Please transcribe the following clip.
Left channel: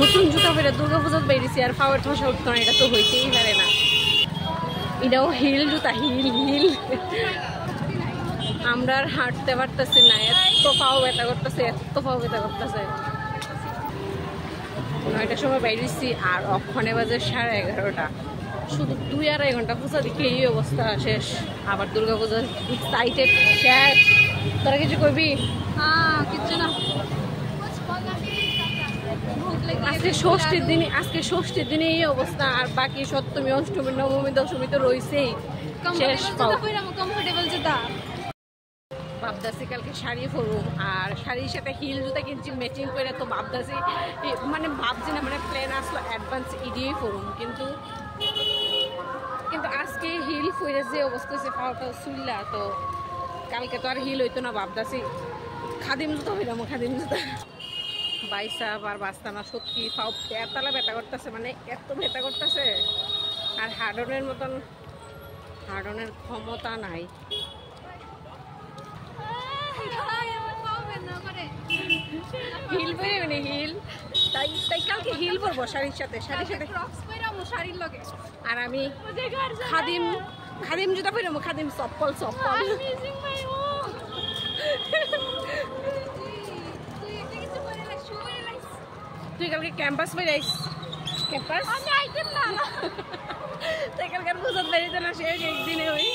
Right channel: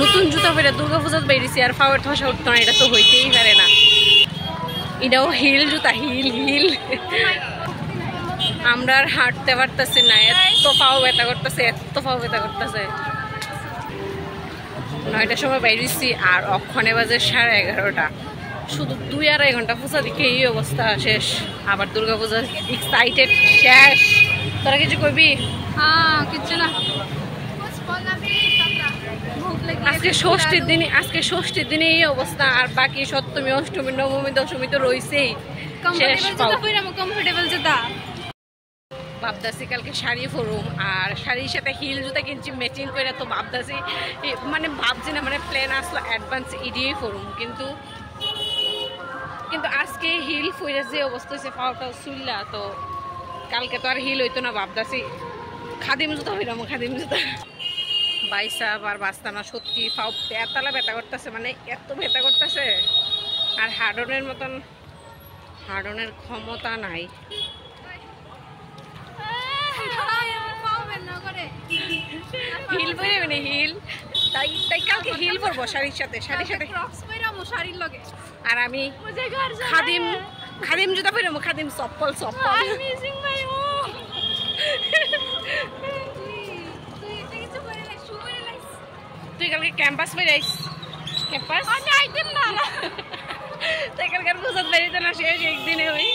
নতুন জুতা পরে দুর্গাপূজা বেরিয়েছি আর পাওয়ার ঠসা উঠতো না, এটা তো হইতেই পারে না। এটাও হিল জুতা, হিল হিল। আমরা আর হাঁটতে পারতেছি না, এত পাও ব্যথা করতেছে, এত পাও ব্যথা করতেছে। 9টার সময় বেরিয়েছি আর অক্ষণে বাজে 11:30। শুধু 2-2.5 ঘন্টা পূজা দেখে এই অবস্থা শেষ। আবার দুর্গাপূজা এক্সাইটেড শেষ। তোরা কিছু কইবি? কিছু না। আজকে ষষ্ঠীর দিনে এই অবস্থা, আর বাকি সপ্তমী, অষ্টমী, নবমী, দশমী তো রয়েছেই। শেষ পাও। কমফোর্টেবল জুতা ভাবদাসি কালকে শাড়ি পরুম, আর শাড়ির সাথে হিল জুতা কিনছি ম্যাচিং করে। তো ভাবদাসি মানে ভাবছি না, মানে প্ল্যান আসলো অ্যাডভান্স ইডিয়েই পরুম, কিন্তু আজকে হিল পরে যে অবস্থা হয়েছে পাওয়াটাও চুল্লা, তো কালকে তো আর হিল হইতো না। ভাবদাসি খাদিম জুতা হইলাম, খাদিম জুতা। বাইসা আর বাঁচতাম না, সত্যি পাও পেতালা ব্যথা করতেছে, মানে এত ব্যথা করতেছে। আর হার্ডনের মতন হার্ডনের ক্ষমতা নাই। হিল পরে মানে হিল, তাই কালকে হিল পরবো শাড়ির সাথে, আর আমি খাদিম জুতা পরবো, খাদিম চপ্পল। তুই কালকে ক্যাম্পাস বেরাইস? ক্যাম্পাস তাই কালকে বুঝতে বেরিয়েছে না, শেষ একদিনে ওই